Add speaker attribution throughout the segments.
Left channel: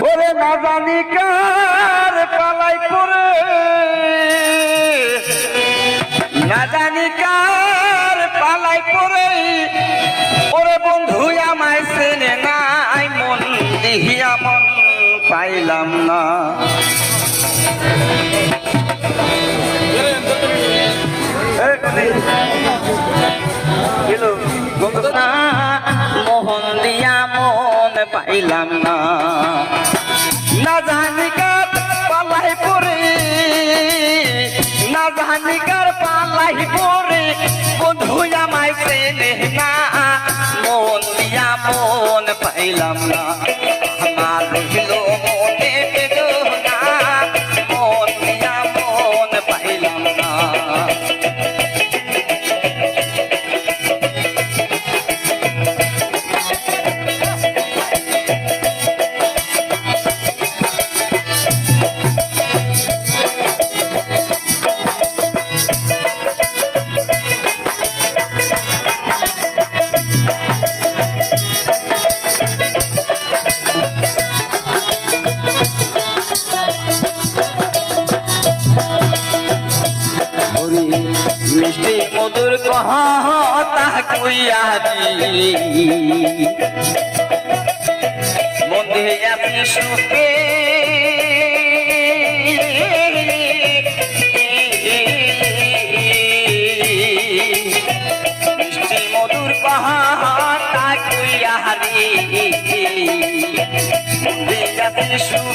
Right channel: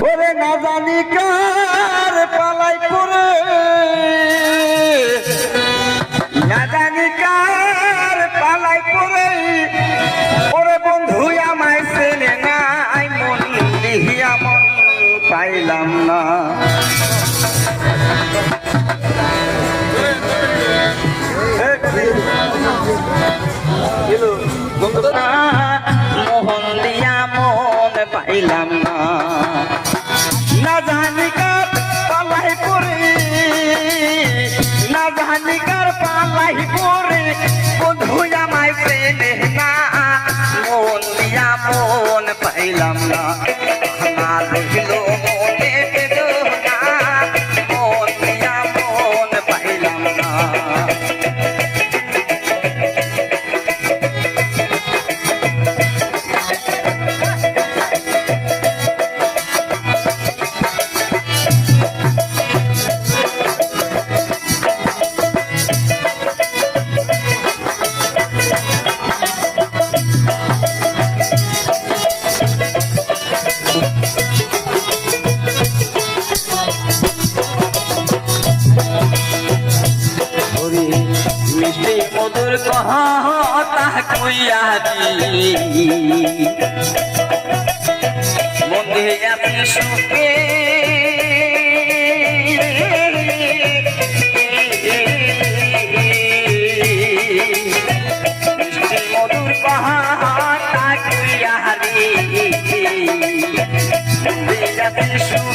Speaker 1: ওরে না জানি কার পালাই করে না জানি কার পালাই করে ওরে বন্ধু আমায় চেনে নাই মন দিহিয়া মন পাইলাম না। মোহন আমায় চেনে না মন দিয়া মন পাইলাম না দি মনে আপনি সুখে মধুর কহতা কইয়া দি মনে সুখে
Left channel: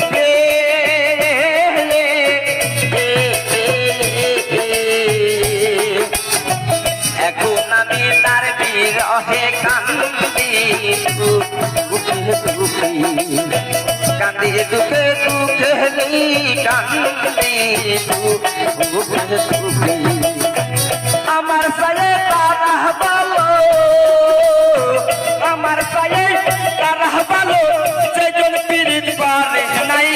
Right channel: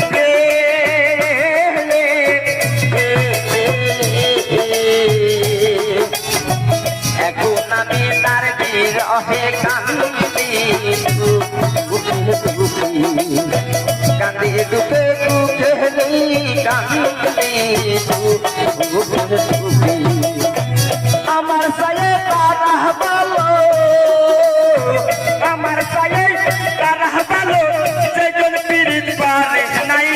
Speaker 1: কান্দি দুঃখে দুঃখে নেই, কান্দি দুঃখে দুঃখে আমার সায়ে তারা ভালো আমার সায়ে তারা ভালো সেজন পীড়িত পারে নাই।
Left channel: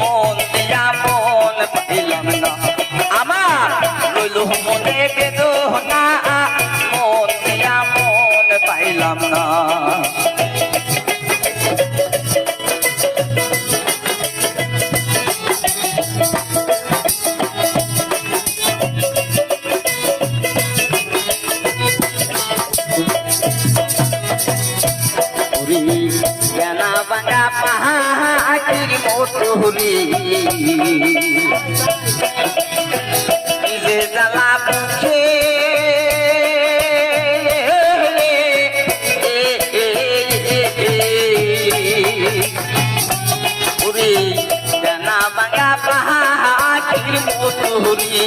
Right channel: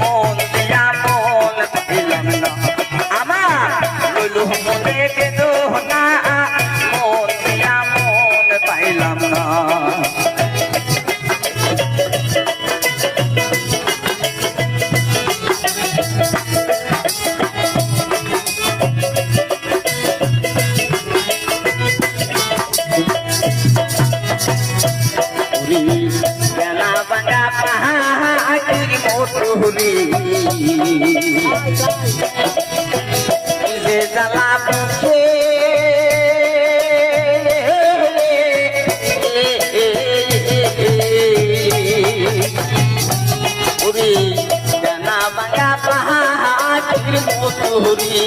Speaker 1: মন দিয়া মন পাইলাম না। আমার রইল মনে বেদনা মতুরি যে জ্বালা বুকে পুরি জানা বাগা পাহাড়ির মতুরি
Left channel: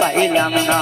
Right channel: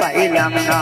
Speaker 1: পাইলাম না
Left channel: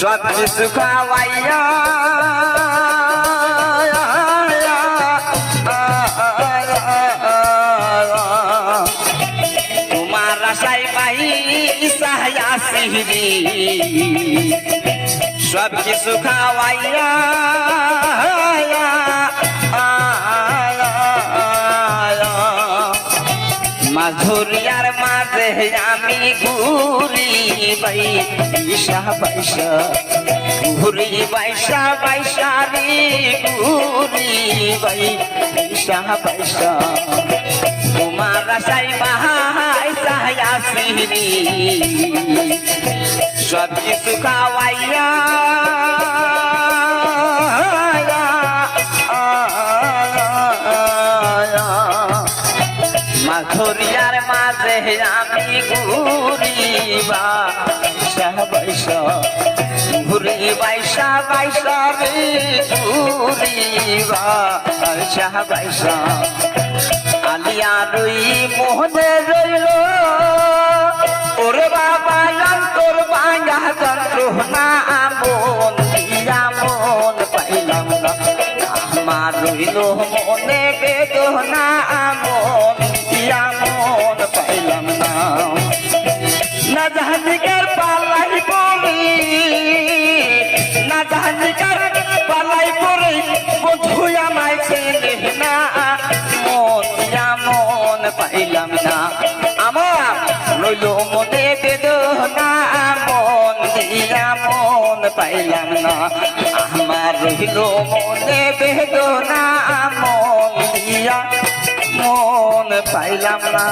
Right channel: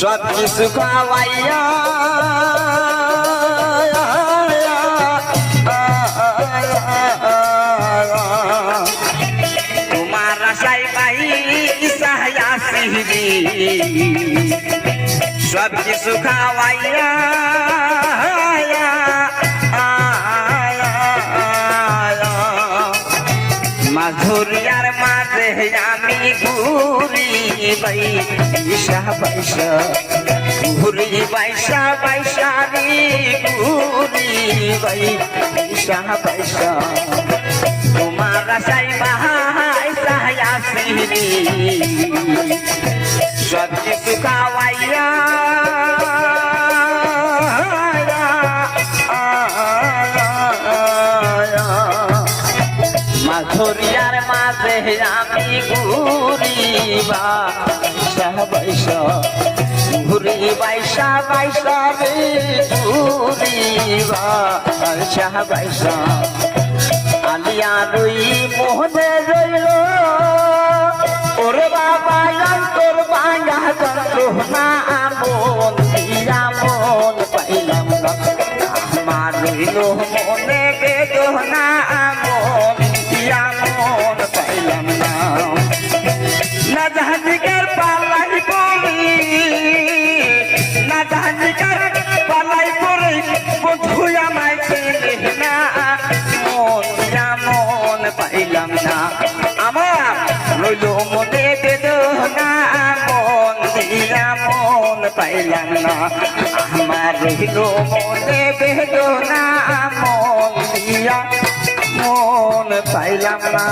Speaker 1: সব কিছু খাওয়াইয়া তোমার আশাই বাই সাহায়াসিরি সব কিছু খাওয়াইয়া আমি ঘুরি বাই পয়সা পয়সা ঘুরি পয়সা পয়সা রে ঘুরি বাই পয়সা পয়সা তোমার আশাই বাহাইসা আসিনি সত্যি সুখাওয়াইয়া ঘুরিবা সহবাইসা ঘুরি বাইসা বাইসা রে ঘুরিবা সহবাইসা আলিয়া রুই মোহনে রইল। ওরে বাবা, অন্তর বাঙ্গা যন্ত্রণা মন দিয়া মন পাইলাম না। আমার মনে বেদনা মন রইল মনে বেদনা, মন দিয়া মন পাইলাম না। আমার রইল মনে বেদনা, মন দিয়া মন পাইলাম না।